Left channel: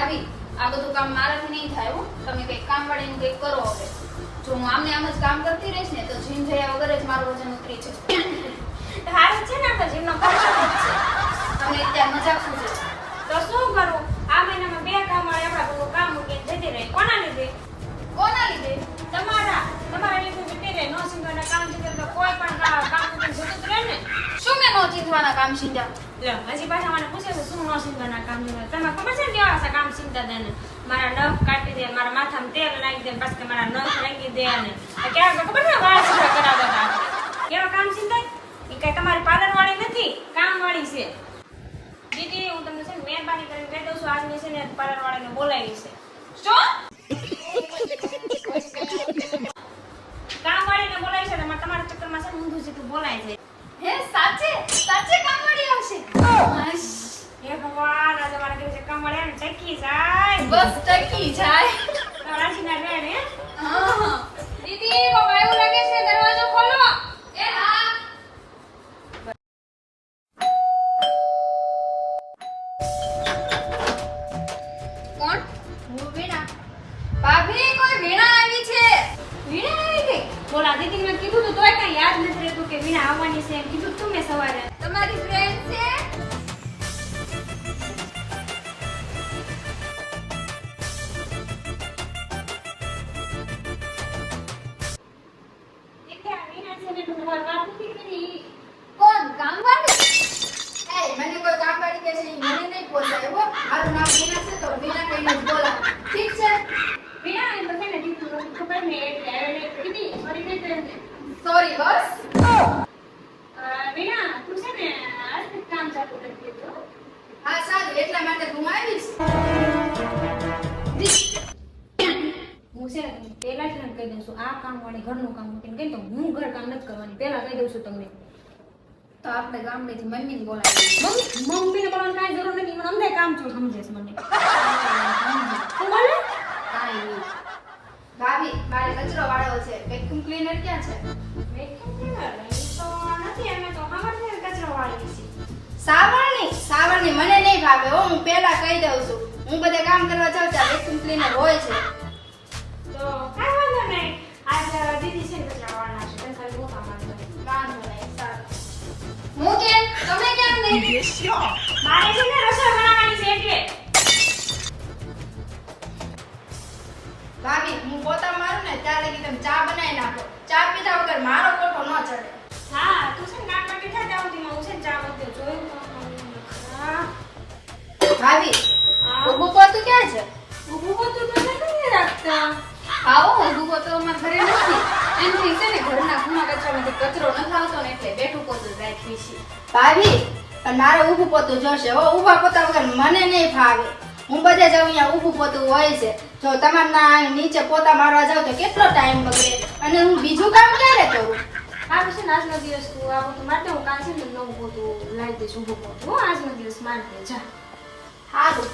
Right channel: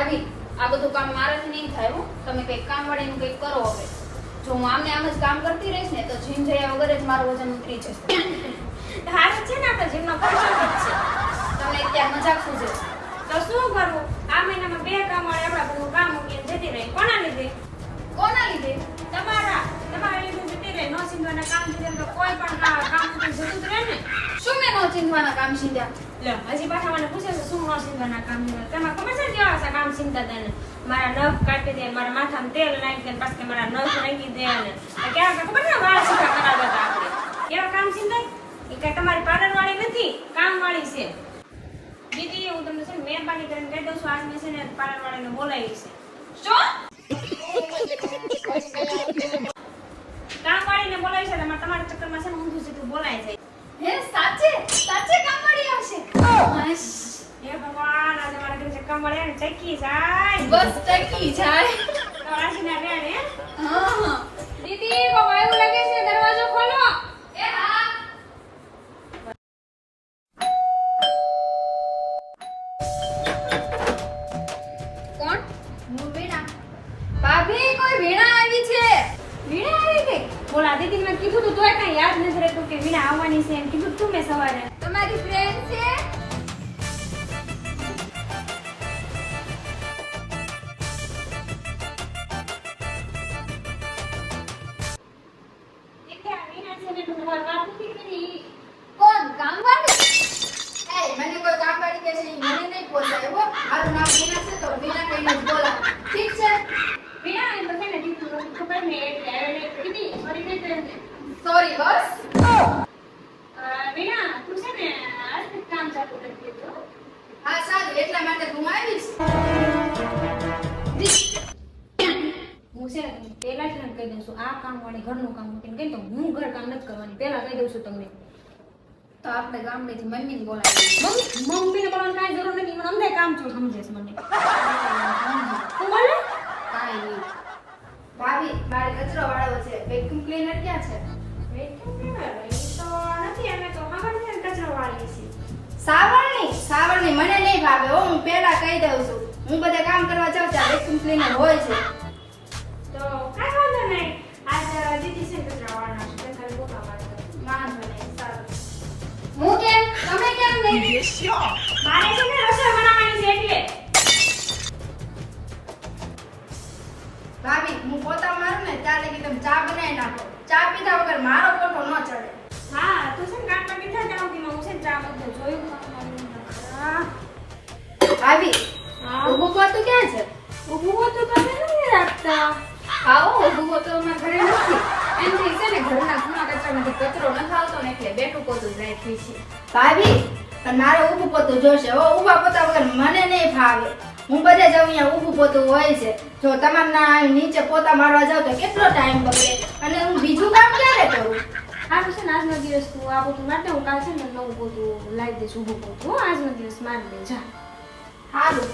ભાભી આ બધું કામ મારાથી નહીં થાય હો. તમે કઈ કામવાળીનું કંઈક કરો હવે. જો હું આમને આમ જ કામ કરતી રહીશ ને તો જીમ જયા વગર જ મારું વજન ઉતરી જશે. હારું છે ને તો જીમનો ખર્ચો વધશે. તમે અત્યારે મજાક શું છે? તો શું કરું? આ મહિનામાં 2 કામવાળી આપણા બધું કામ મૂકીને જતી રહી. કોના લીધે? કોના લીધે? તમારા લીધે જતી રહી. નો સિંધવાના કામ લીધે તો કોઈ પણ નવા કામ મૂકીને જતું રહે ને. શું મેં નો ચીંધવાના કામ સીધા? લો હજી પાછા મને પૂછે છે શું નો સિંધવાના કામ લીધે. તમે ખબર છે ને કેવા કામ સિંધતા દે ને? મારા નખ કાઢી દે, મારા માથામાં તેલ નાખી દે, પાછા મારા નખ નાખી દે ને ક્યારેક તો ખબર છે વાળ સીધા કરાવતા હતા આપણે. કેવા કામ સિંધાય? એ કઈ તમારી પાર્લર વાળી નથી, કામ વાળી છે. દીદી હું તમને છે ને મહેરબાની કરીને કહી દઉં છું, આજ મેં છે ને પાર્લર વાળાને બોલાવી છે. શું? કામ વાળીને બોલાવી છે એટલે તમારા ચક્કરમાં છે ને ઊંધું જતું બોલાય જાય. હે સાચે કામવાળી આવશે? હે ભગવાન આજે મારા ઘરે છે કામ વાળી ને ટકી જાય. બસ ટકી જાય. રાખીને રહે ને. હા દીદી બહુ વાયુ લાગે છે, દરવાજો ખોલો. એ હા. કોણ? હું વીણા. ભાભી કોઈ વીણા આવી છે. વીણા આવી ગઈ? બોલા દીદી મેં કીધું તું તોય કઈ યાદ નથી રહેતું કે વીણા આવવાની છે એમ કીધું તું મેં સવારે. તમારી ફ્રેન્ડ છે? વીણા છે ને તું વાત નથી કરી. કોણ? કામવાળી? એ મને કોઈ કામવાળી કહે છે ઈ મને નહીં પોસાય હો. મારું નામ વીણા છે તો વીણા કહીને જ બોલાવ. ઠીક છે? વીણા એમ તો છે ને દીદી ખબર ને એટલે હવે દીદી સોરી કહી દે. સોરી બસ. વીણા તું છે ને આજ કામ ચાલુ કરી દીધું. હા સારું એટલા માટે હું આવીશ. હું છે ને તમને પહેલા જ કહી દઉં છું આ કામ વાળી ઘરનું કામ મૂકીને કહી તો હું ઘર કામ નથી કરવાની પહેલા કહી દઉં છું તમને. તો આપણે ગામડેથી મમ્મીને બોલાવીએ. મમ્મીને બોલવાની કાંઈ જરૂર નથી, મને અમને કામ છો સમજે છે મને. તું બોલે કાંઈ નહીં. ભાભી મારે કચરો વાળવો છે. વેક્યુમ ક્લીનર ક્યાં છે? વેક્યુમ ક્લીનર તો નથી, અમે તો ખબર છે કચરો વાળીએ છીએ. સાવરણી મને નહીં ભાવે હો. હું પહેલા કહી દઉં છું. હું બધે કામ કરવા જાઉં ત્યાં વેક્યુમ ક્લીનર હોય છે. તો કાંઈ વાંધો નહીં, આજ દીદી છે ને કચરા વાળના છે, તને ખાલી ગોતા પાડવા. વાંધો નહીં સારું. હું કેમ? તમે કેમ નહીં? મારે છે ને રસોઈ બનાવવાની છે એટલે. ભાભી હું પોતા મારું ને ત્યાં લગી તમે ચા બનાવી નાખો. ચા પીધા વગર મારો કોઠો ન ચડે. હા તું છે ને કામમાં બેઠા જાવ દીમાં હું છે ને ચા બધું જોયું ખરા. ભાભી હા ઊભું પોતું ક્યાં છે? ઊભું હોતું તો નથી રાખતા. આવો ઊભું પોતું અમારા ઘરે નથી. એમથી છે ને ઘરના કુણા કચરામાંથી કચરો ન આવતો ને એટલે બેઠું પોતું જ રાખી છે. ભાભી પણ મારે ઊભું પોતું જોશે હો. ઊભા પોતા વગર મને નહીં ફાવે. હું બધે જાઉં અહીંયા ઊભું પોતું હોય છે. જો તમારના નીચે પોતા મારવા જાવ તો કેટલો ટાઈમ બગડે અને હું બીજું કામ ક્યારે કરું? સારું છે ને આજનો દિવસ તું આ બધું માટે હું કાલ છે ને નવું બધું લાવી દઈશ ઊભું પોતું. હો આજનો દિવસ મારી દે જા. સારું.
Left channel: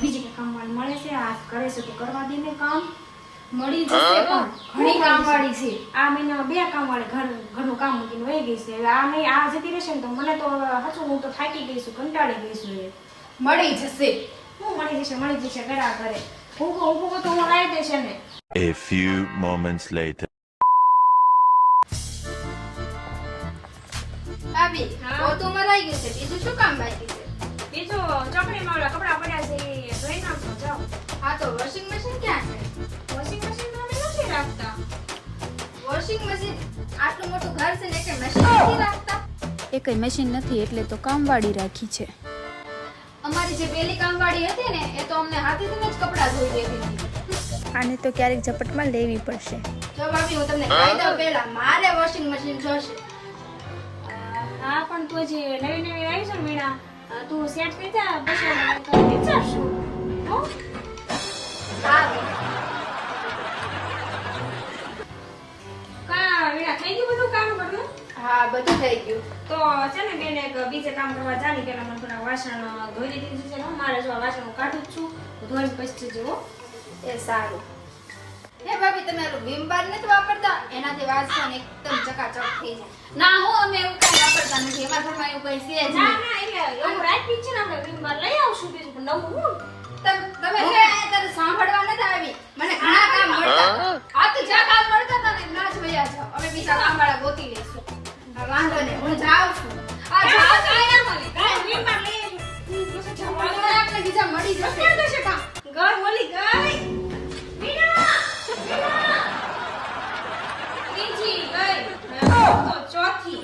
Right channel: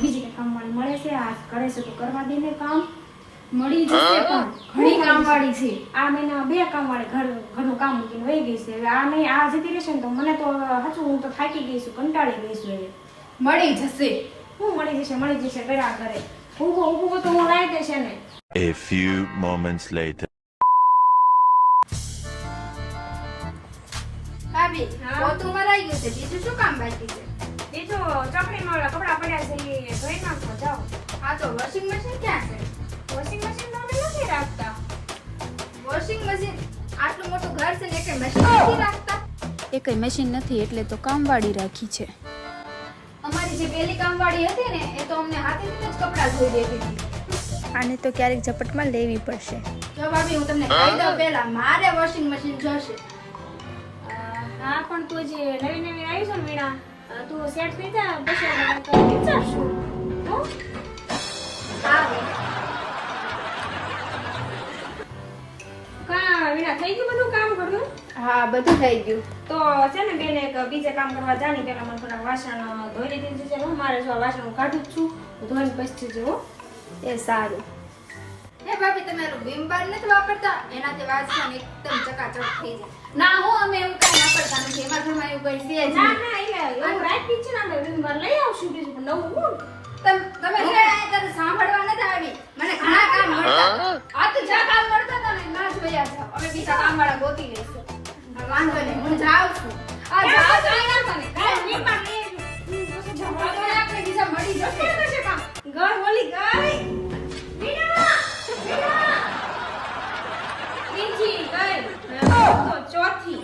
બીજી કઈ કામવાળી મળે છે આ કરે છે તો કરવા દે ને કામ. મળી જશે પણ ઘણી કામવાળી છે. આ મહિનામાં 2 કામવાળી ઘરનું કામ મૂકીને વહી ગઈ છે. હવે આ મહિને આ જતી રહેશે ને તો મને તો સાચું હું તો થાકી ગઈ છું, કંટાળી ગઈ છું. હવે મળી જશે. હું મળી જશે ગળા કરે ઊભું તો હું લાવી દઈશ ને. A few moments later. ભાભી હા? પોતું મરાઈ ગયું છે. બીજું શું કામ બાકી છે? બીજું ચોકડીમાં ઓલા કપડાં પડ્યા છે એ ધોઈ નાખો જાઓ. હા તો વોશિંગ મશીન ક્યાં છે? વોશિંગ મશીનમાં અમે નથી રાખતા. વોશિંગ મશીન આટલું મોટું ઘર છે ને કે મશીન નથી રાખતા? એ કઈ મશીન નથી એટલે તો કામવાળી રાખી છે. અમારી જે પેલી કામવાળી હતી ને એ તો અમને હાથેથી જ કપડાં ધોઈ દેતી હતી. આને તો ક્યારેક ઝપટમાં લેવી પડશે. જો ભાભી હું તમને કહી દઉં પહેલા મારે વોશિંગ મશીન જોશે. હા પણ તું જે નવી આવી છે ને વીણા તું સેટ થઈ જા પછી વિચારશું. હો સારું. કા વીણા થઈ ગયું બધું કામ કરવું? હા બધું થઈ ગયું. તો છે ને બેન એક બીજે કામ કરવા જાની પેલા મને થોડા વાસણ ધોઈને દીધું છે. મારે જો આ વાસણ હું કાઢું જ છું, ધોઈને પછી જજો. એ સારું. હે ભાભી તમે વિમ બાર નથી વાપરતા? એનાથી વાસણ એકદમ ચકાચક થઈ જાય. ના હું અમે એવું કાંઈ વાપરતા નથી એમાં ઘરમાં એવું કઈ છે જ ના નહીં. ના એટલે એવું રાખી છે ને આપણે વિમબાર લઈ આવશું બીજું પણ નવું હું તમે છે અહીંયા તારે સાંભળવા નથી આવી મને ઘણા કામ મળતા આ તો જ્યાં કામ મળતા હતા ને ના જ વયા જાઓ અમે બીજા કામવાળા ગોતી લઈશું હા, વાંધો નહીં હું જાઉં છું આ જાઓ કાંઈ વાંધો નહીં કાંઈ વિમબાર લઈ આવજો આપણે આપણે બીજા મળી જશે ઘર ઓલી ગઈ વીણા ત્રીજી ગઈ તો ચોથી